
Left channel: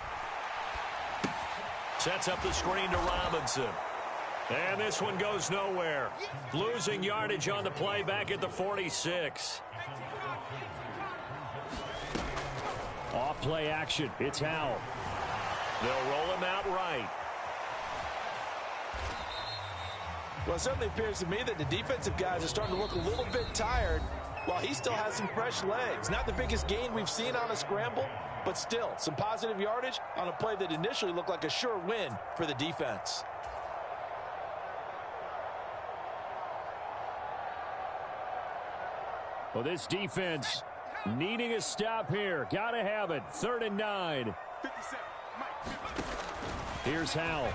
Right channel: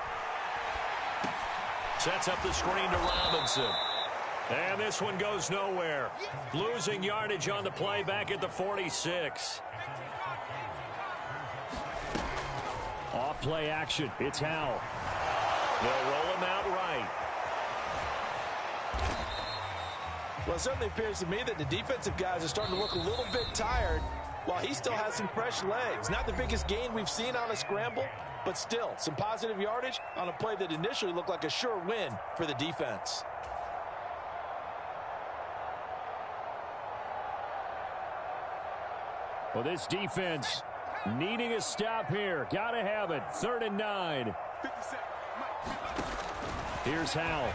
Sets up the screen to Robinson. And this one goes nowhere. Losing yardage on the play back at the 46. Off play action. It's Howell. They'll roll him out right. Well, it certainly appears to me that the defensive guys are starting to look a little bit tired while he still has some fresh legs. Not the biggest gain we've seen on a scramble, but still some positive yardage on a play that initially looked like a sure win for the defense. Well, this defense needing a stop here. Got to have it. 3rd and 9. Here's Howell.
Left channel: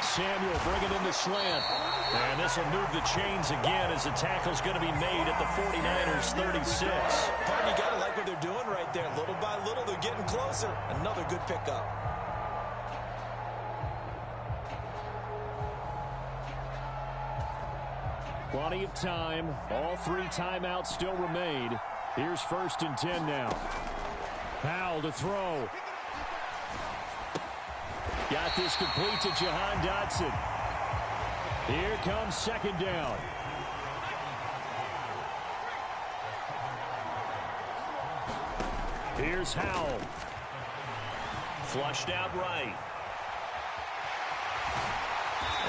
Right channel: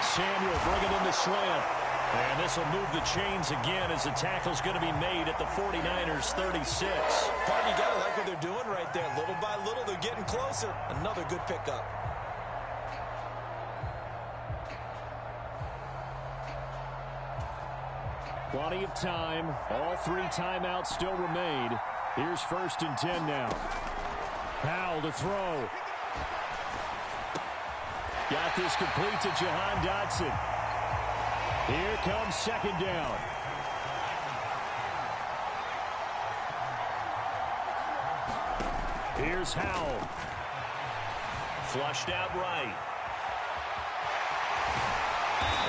Samuel bringing in the slant. And this will move the chains again as the tackle's going to be made at the 49ers 36. Pardon, you got to like what they're doing right there. Little by little, they're getting closer. Another good pickup. Plenty of time. All 3 timeouts still remain. Here's 1st and 10 now. Howell to throw. Got this complete to Jahan Dotson. Here comes 2nd down. Here's Howell. Flushed out right.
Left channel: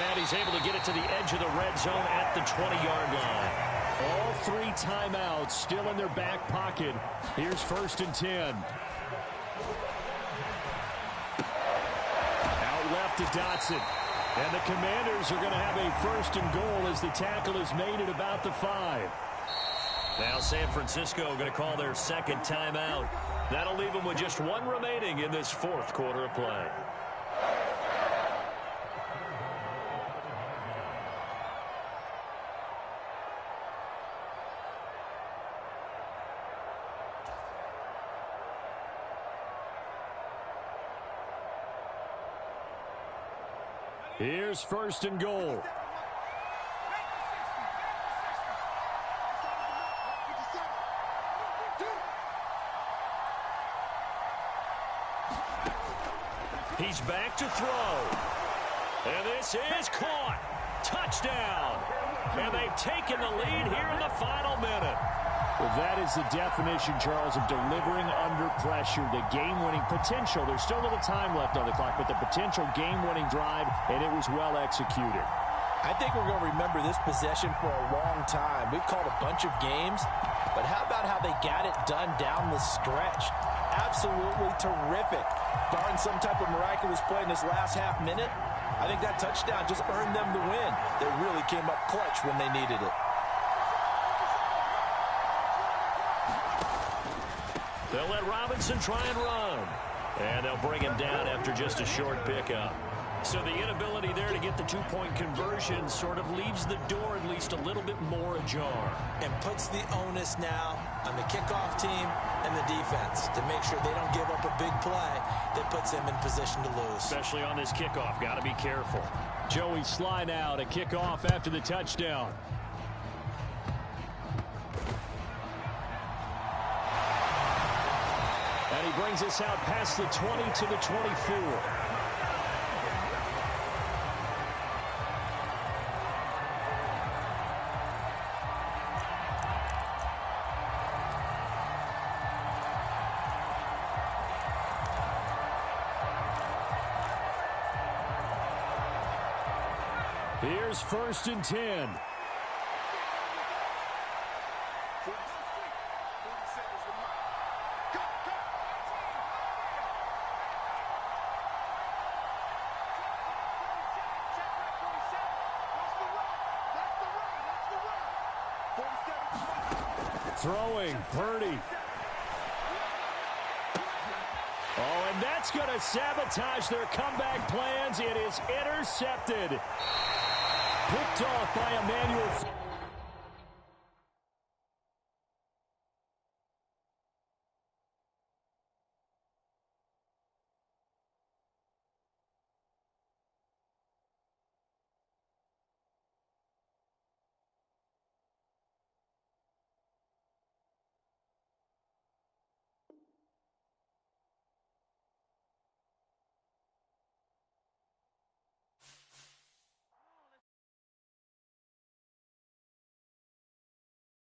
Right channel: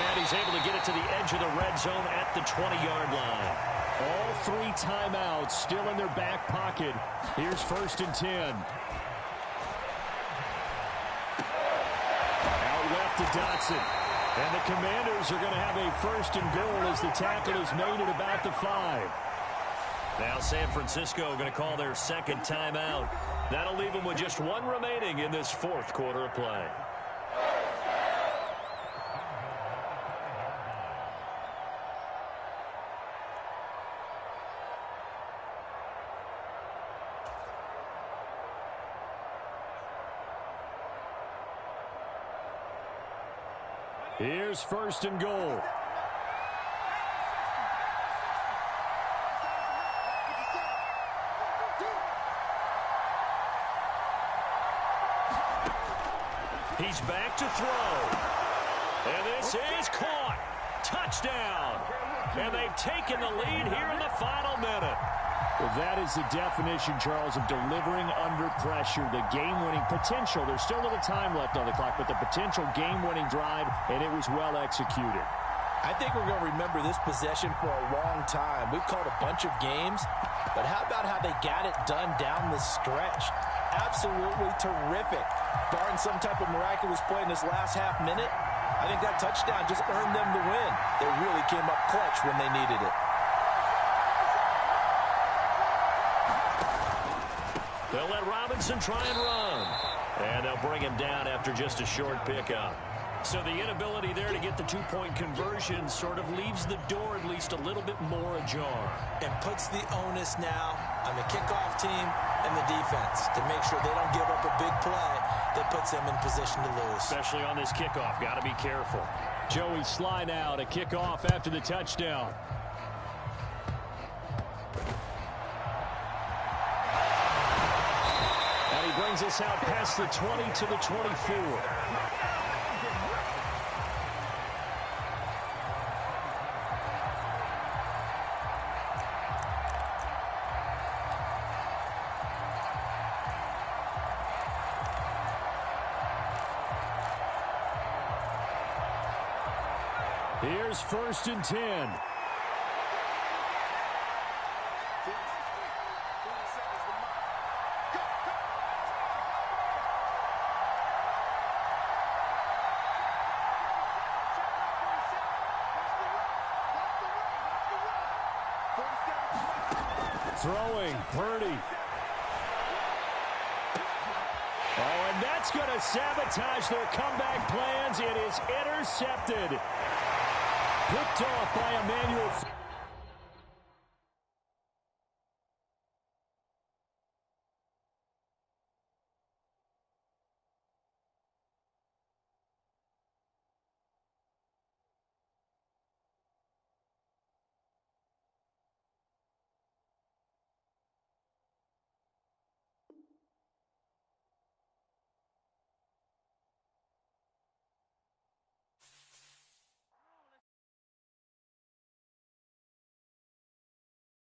And he's able to get it to the edge of the red zone at the 20-yard line. All 3 timeouts still in their back pocket. Here's 1st and 10. Out left to Dotson. And the Commanders are going to have a 1st and goal as the tackle is made at about the 5. Now San Francisco going to call their 2nd timeout. That'll leave them with just 1 remaining in this 4th quarter of play. Here's 1st and goal. He's back to throw. And this is caught. Touchdown. And they've taken the lead here in the final minute. Well, that is the definition, Charles, of delivering under pressure. The game-winning potential. There's still a little time left on the clock, but the potential game-winning drive, and it was well executed. I think we're going to remember this possession for a long time. We've called a bunch of games, but how about how they got it done down the stretch? Absolutely terrific. Barring some type of miraculous play in this last half minute, I think that touchdown just earned them the win. They really came up clutch when they needed it. They'll let Robinson try and run. And they'll bring him down after just a short pickup. So the inability there to get the two-point conversion sort of leaves the door at least a little bit more ajar. And puts the onus now on the kickoff team and the defense to make sure they don't give up a big play that puts them in position to lose. Especially on this kickoff. Got to be careful. Joey Sly now to kick off after the touchdown. And he brings us out past the 20 to the 24. Here's 1st and 10. Throwing, Purdy. Oh, and that's going to sabotage their comeback plans. It is intercepted. Picked off by Emmanuel.